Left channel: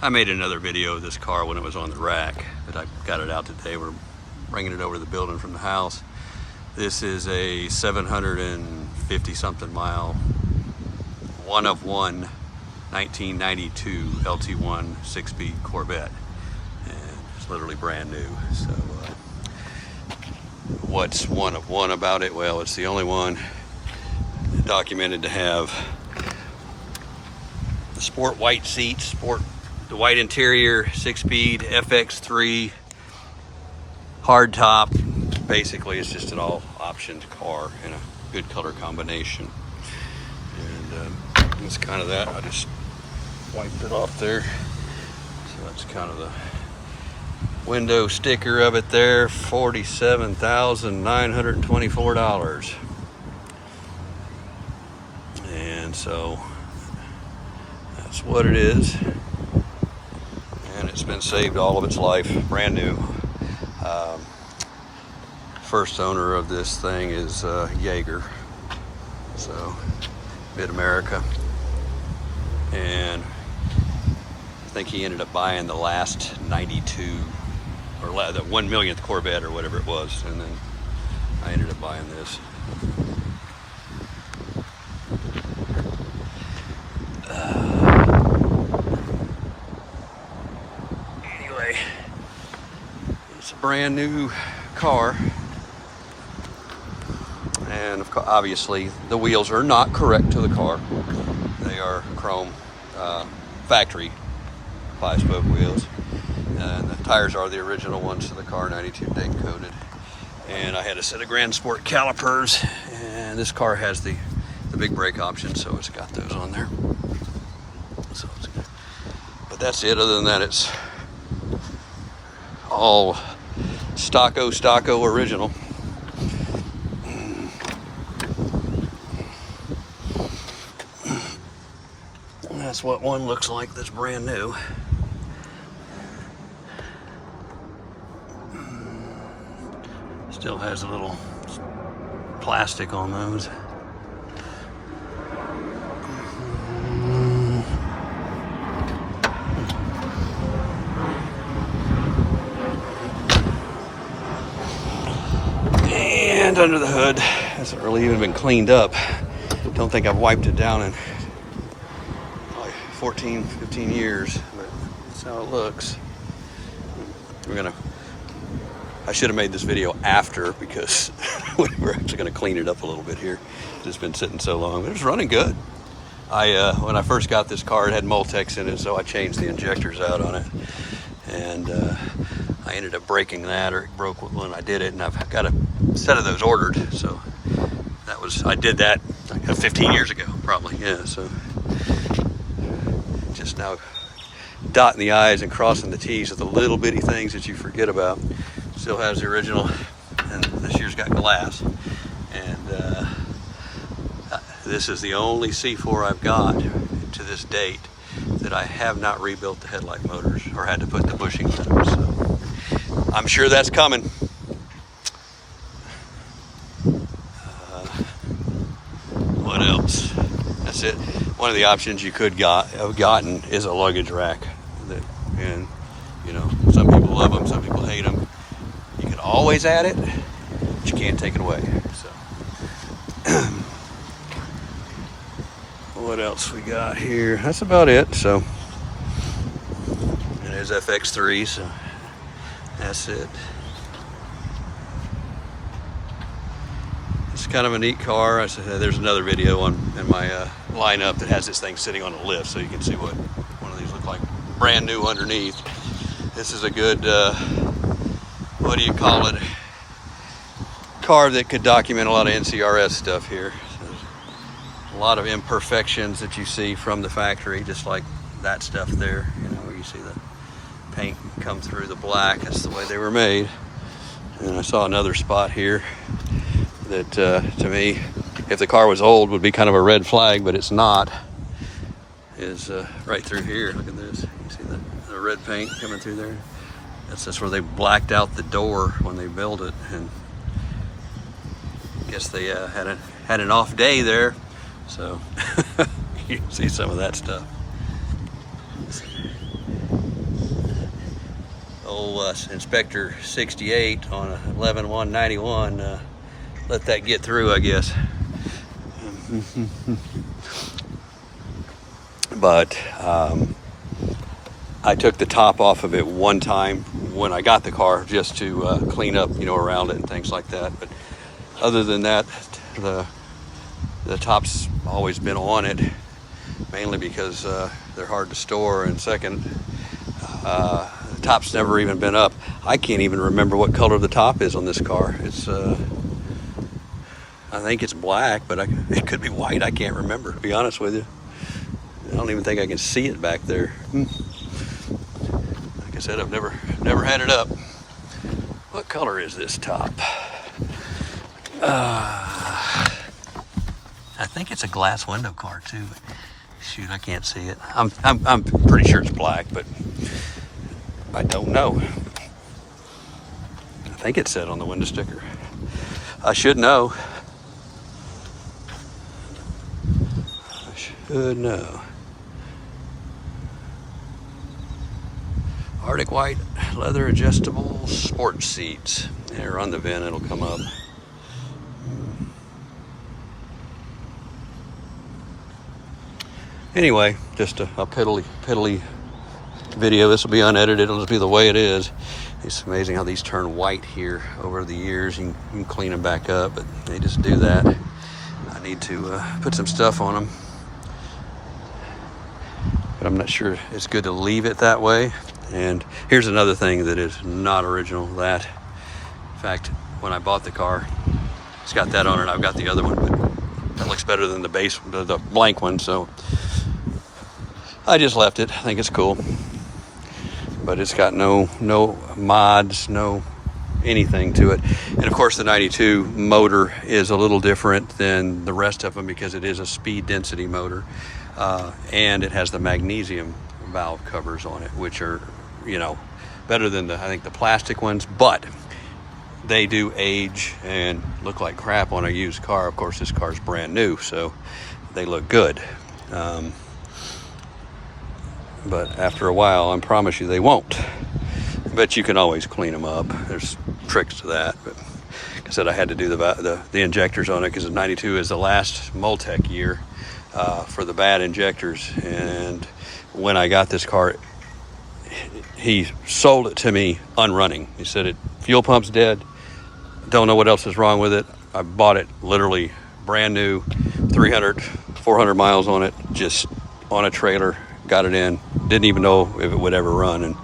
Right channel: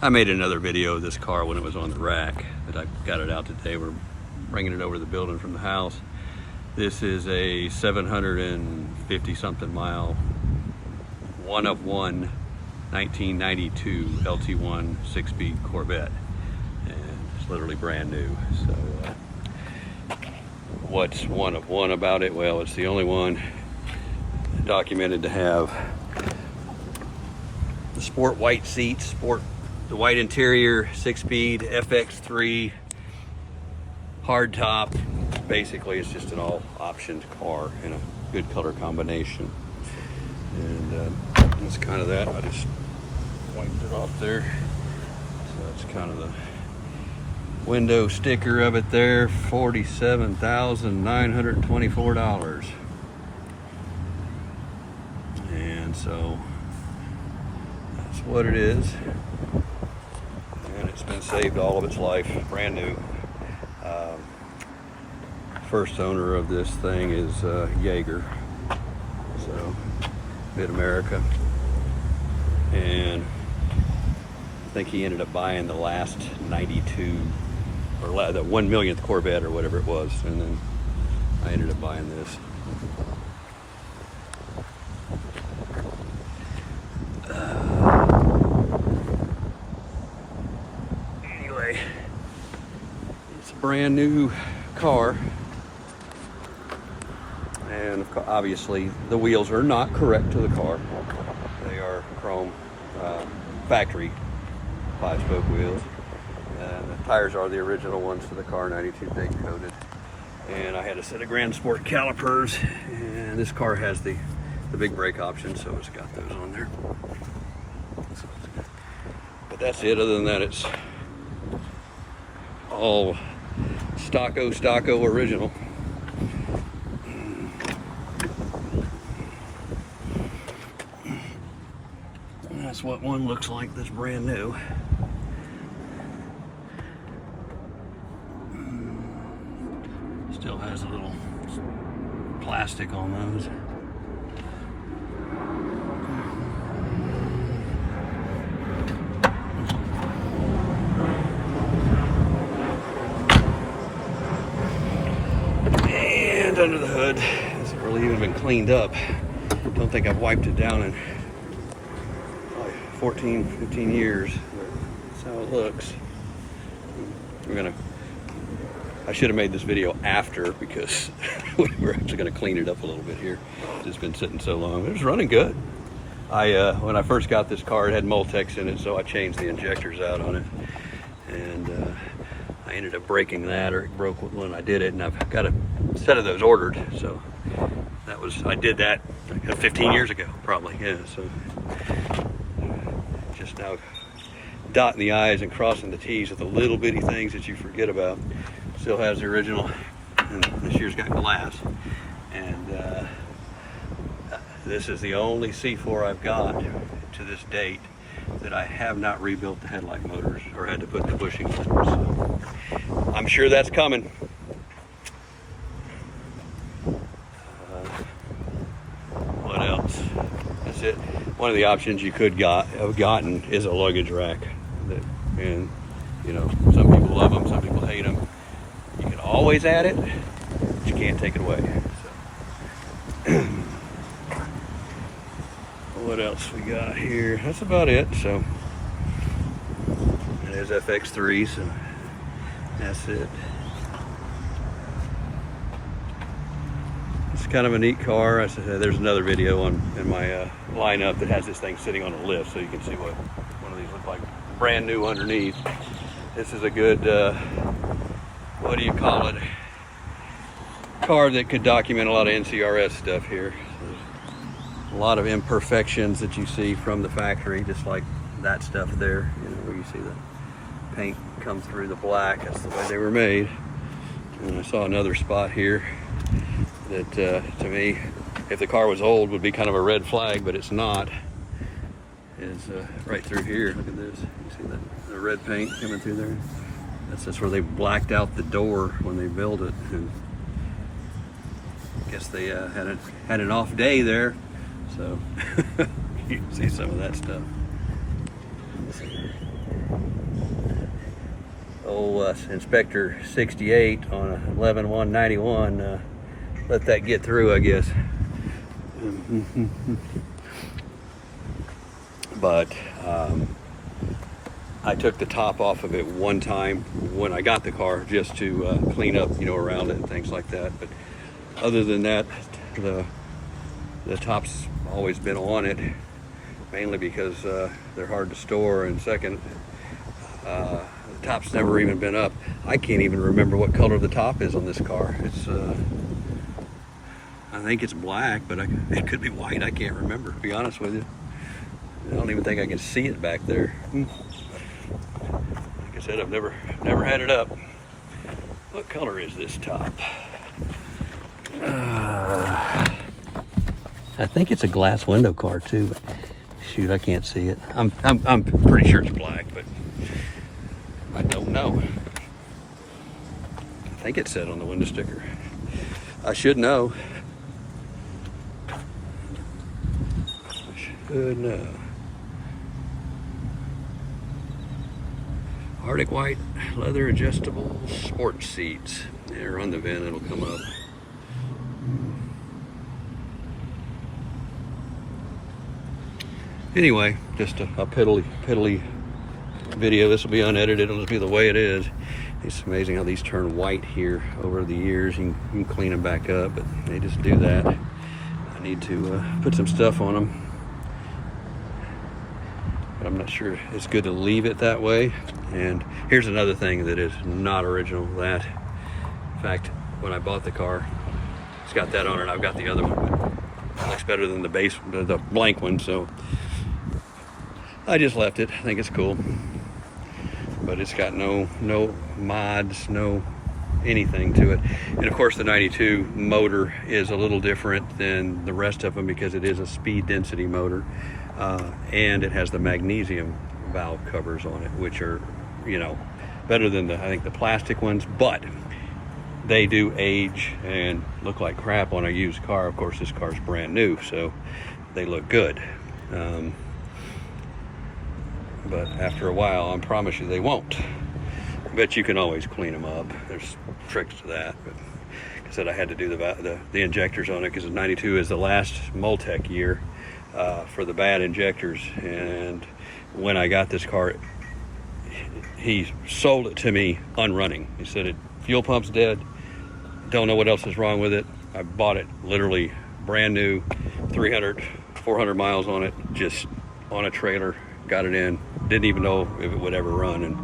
I made another video of this car when it was on the rack, but I got it out today. We're bringing it over to the building from the house. This is a 750 something mile, one of one 1992 LT1 6-speed Corvette, and it's literally brand new. So what's one of one about it? Well, it's the only one documented to have the sport white seats, the white interior, 6-speed FX3 hard top. Basically, it's just an all optioned car in a good color combination. And that's kind of that. I just wiped it off there. So that's kind of the window sticker of it there. $47,924. And so that's what it is. And it's been saved all of its life, brand new. First owner of this thing is Jaeger, so Mid-America, and I think he ended up buying the last 92 or the 1 millionth Corvette or whatever it was, and then I ended up buying this. Anyway, it's a brand new car. And obviously the wheels are not correct to the car. They are chrome factory 5-spoke wheels. And the tires are the original ones for the car, 92 date coated. And I had a set of Grand Sport calipers, and this car has the big brake option, so it's got those on there. So it's good. But that's it. Other than that, it's all stocko original. That's what one looks like that's brand new. Still has a little plastic on those. And under the hood, hasn't really even been cleaned up. Don't think I've wiped it down in 14, 15 years, but that's how it looks. I should have made this video after, because we're actually gonna clean it up a little bit here. It's been sitting so long. It was running good. When I first got this car, it had Multex in it, so I changed the injectors out on it. And I ended up breaking that, or it broke when I did it, and I've got a set of those ordered. So I did that like 15 years ago, probably, yeah. So just now dotting the I's and crossing the T's with the little bitty things that you forget about. Still has the original, and this year's got glass. And this is the only C4 I've got to this date that I have not rebuilt the headlight motors or had to put the bushings in. So I'm sure that's coming. What else? That's it. One of the options you could have gotten is a luggage rack. And you know, some people love them, some people hate them. You can always add it, but you can't take it away. So what else we got here? That's about it. So there's FX3, so that's it. It's kind of a neat car. There's another video in my lineup that has this thing sitting on a lift, so you can see what one of these look like brand new underneath. This is a good, what do you call it, car that could document a lot of NCRS stuff here. So a lot of imperfections that you see from the factory, just like that stuff there, you know, where you see the paint come through the black. That's the way they were made. And I saw another spot here that to me, if the car was old, would be kind of a red flag, but it's not. Is right through here. Look at this. You see the red paint coming through there? That's just where they blacked out the door when they built it, and I guess they had an off day there, so you can see some of that stuff. old Inspector 68 on a 11-191. Let that get through, I guess. But I took the top off of it one time when I got the car, just to clean up, you know, around it and things like that. But other than that, the top's always been on it, mainly because they're hard to store, and second, the top's never even been up. I can't even remember what color the top is on this car. It's I think it's black, but it could be white. I can't remember, to be honest with you. I don't even think I can see it back there. Like I said, I've never had it up. What color is this top? I think it's a glass window car too. Shoot, I can't see it. I'm pretty sure it's black, but I don't know. I think it said on the window sticker. I should know. Should know. Arctic white leather adjustable sports seats. Yeah, run the VIN, it'll come up. Anyway, just a piddly video. This will be unedited. It'll just be the way it is. It's amazing how these turn white here over the years. You can clean them back up, but they just do that. I need to put some stuff on them, but I'm not sure it's good to leave it that way. And here's another thing that is not original. That, in fact, when I bought the car, it's got that on it. I've got the other one, but it looks better than the base, the blank one. So I just left it. I think it's cool, but it's got no mods, no anything to it. And of course, the 92 motor is a little different than the rest of them because it is a speed density motor, and it has the magnesium valve covers on it, which are, you know, better than I think the plastic ones, but they do age and look like crap on a used car. Of course, this car's brand new, so they look good. But after a while, I promise you they won't. But you can always clean them up. There's tricks to that. But like I said, I had to do the injectors on it because the 92 is the last Multec year for the bad injectors. And when I got this car, he sold it to me unrunning. He said, fuel pump's dead. Don't know what else is wrong with it. I bought it literally brand new, 300, 400 miles on it, just on a trailer, got it in. Didn't even know if it would ever run. And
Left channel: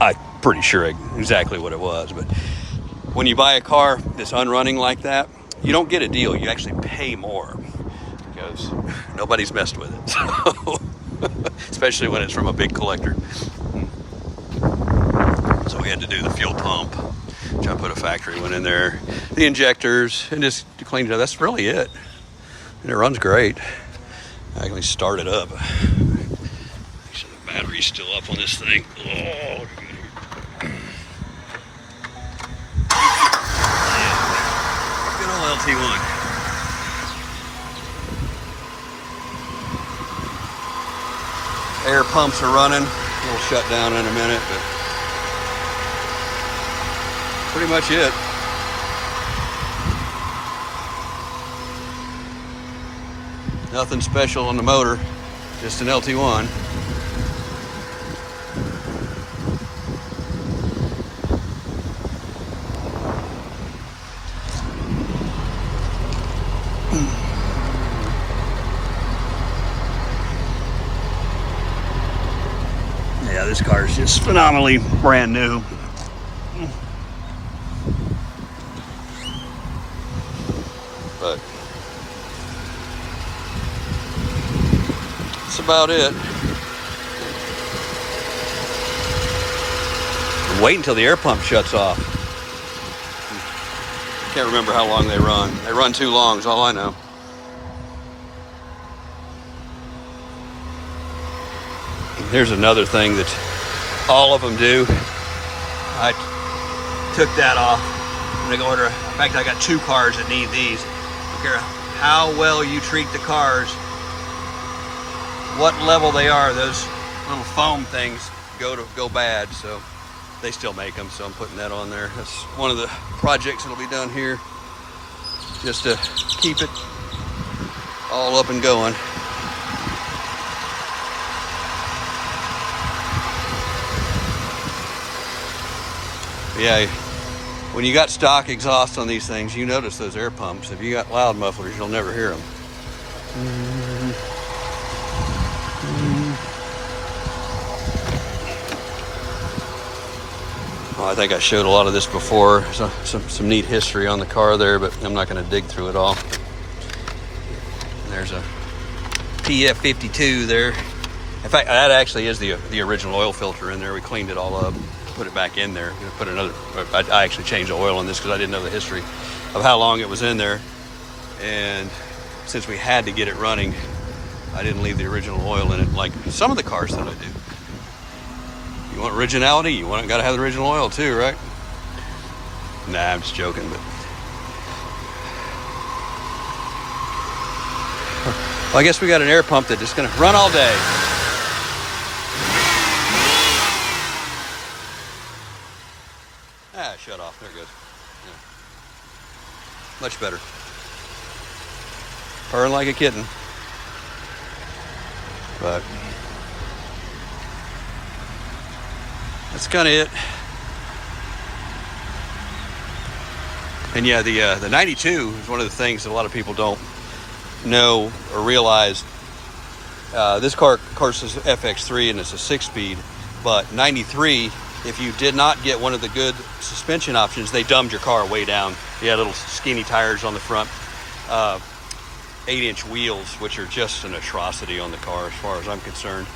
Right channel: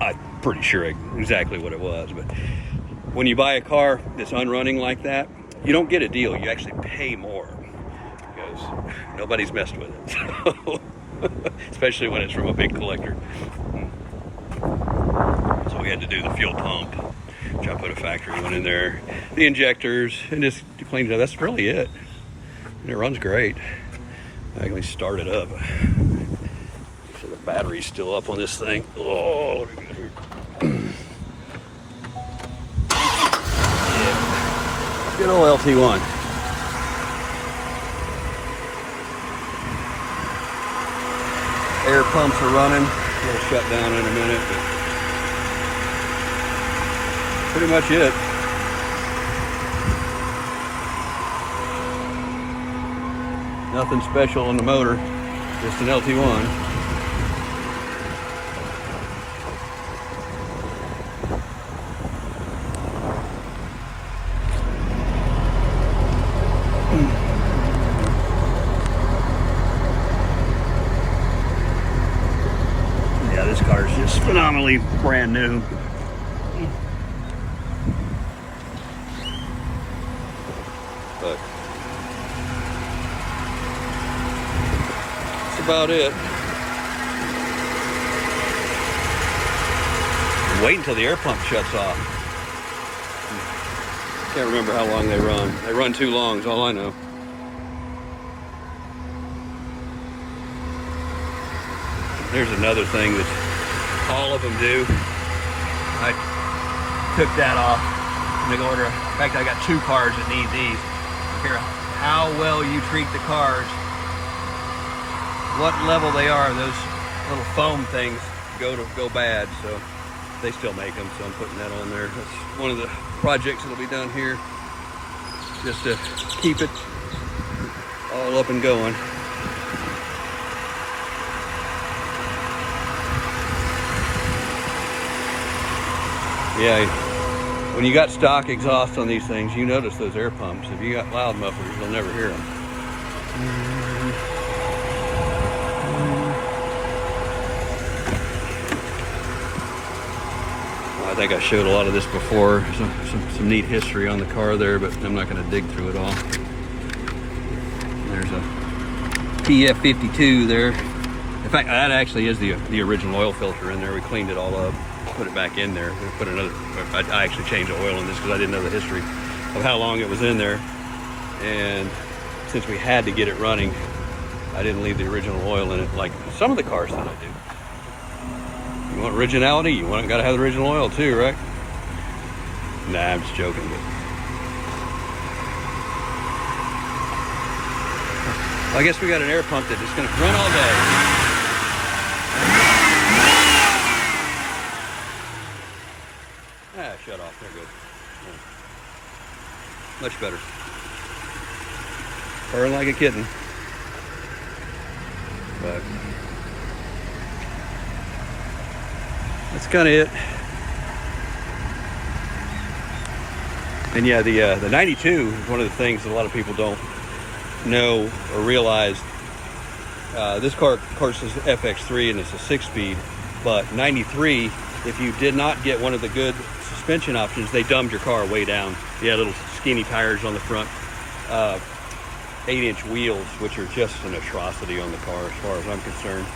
I'm pretty sure exactly what it was. But when you buy a car that's unrunning like that, you don't get a deal. You actually pay more because nobody's messed with it. So, especially when it's from a big collector. So we had to do the fuel pump, which I put a factory one in there, the injectors, and just cleaned it up. That's really it. And it runs great. I can start it up. Make sure the battery's still up on this thing. Oh. Good old LT1. Air pumps are running. It'll shut down in a minute, but pretty much it. Nothing special on the motor, just an LT1. Yeah, this car is just phenomenally brand new. But that's about it. Wait until the air pump shuts off. Can't remember how long they run. They run too long is all I know. Here's another thing that all of them do. I took that off. I'm gonna go order. In fact, I got two cars that need these. I don't care how well you treat the cars, what level they are, those little foam things go bad. So they still make them, so I'm putting that on there. That's one of the projects that'll be done here, just to keep it all up and going. Yeah, when you got stock exhaust on these things, you notice those air pumps. If you got loud mufflers, you'll never hear them. Well, I think I showed a lot of this before. Some neat history on the car there, but I'm not going to dig through it all. There's a PF52 there. In fact, that actually is the original oil filter in there. We cleaned it all up, put it back in there. We're gonna put another. I actually changed the oil on this because I didn't know the history of how long it was in there, and since we had to get it running, I didn't leave the original oil in it like some of the cars that I do. You want originality? You got to have the original oil too, right? Nah, I'm just joking. But well, I guess we got an air pump that's just going to run all day. Ah, shut off. There it goes. Yeah. Much better. Purring like a kitten. But that's kind of it. And yeah, the 92 is one of the things that a lot of people don't know or realize. This car, of course, is FX3 and it's a 6-speed, but 93, if you did not get one of the good suspension options, they dumbed your car way down. You had little skinny tires on the front, 8-inch wheels, which are just an atrocity on the car as far as I'm concerned.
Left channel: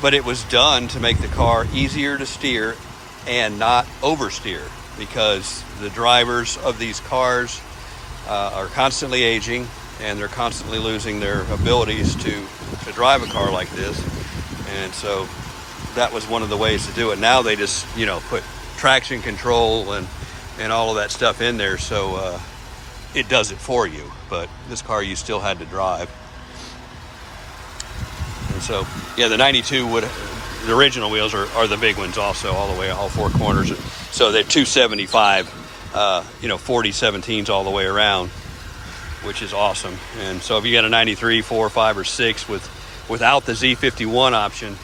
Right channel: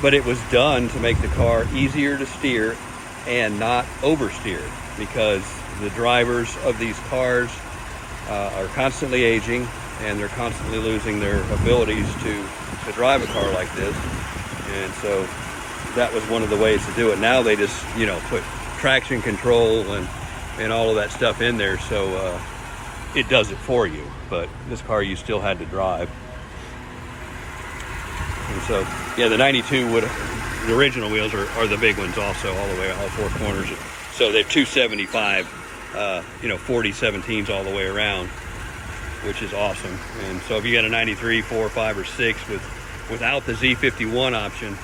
But it was done to make the car easier to steer and not oversteer, because the drivers of these cars are constantly aging and they're constantly losing their abilities to drive a car like this. And so that was one of the ways to do it. Now they just, put traction control and all of that stuff in there, so it does it for you. But this car you still had to drive. And so, yeah, the 92 the original wheels are the big ones also, all the way, all four corners. So they're 275, 40 17s all the way around, which is awesome. And so if you got a 93, 4, 5, or 6 without the Z51 option,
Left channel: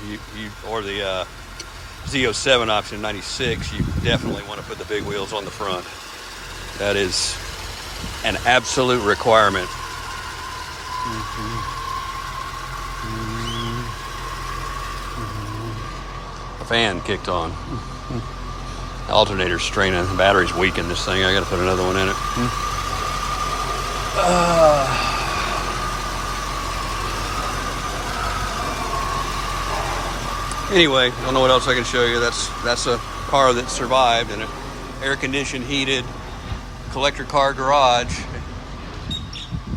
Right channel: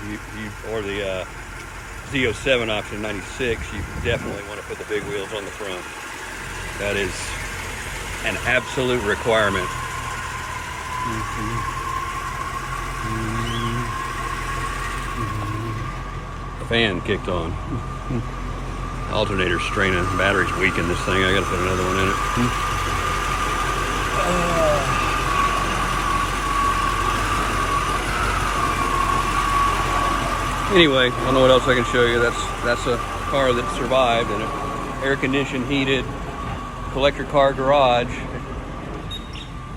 or the Z07 option 96, you definitely want to put the big wheels on the front. That is an absolute requirement. The fan kicked on. Alternator's straining, battery's weak in this thing. I gotta put another one in it. Anyway, I don't know what else I can show you. That's a car that survived in an air-conditioned, heated collector car garage,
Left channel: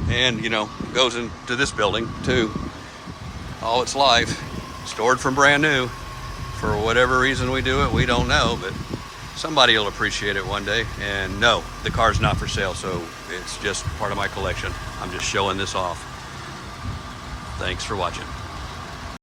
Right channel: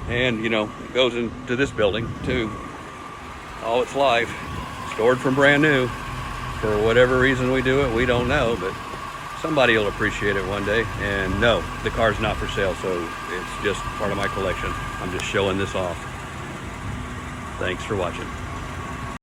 and goes into this building too all its life, stored from brand new. For whatever reason we do it, we don't know, but somebody will appreciate it one day. And no, the car's not for sale, so it's just part of my collection. I'm just showing this off. Thanks for watching.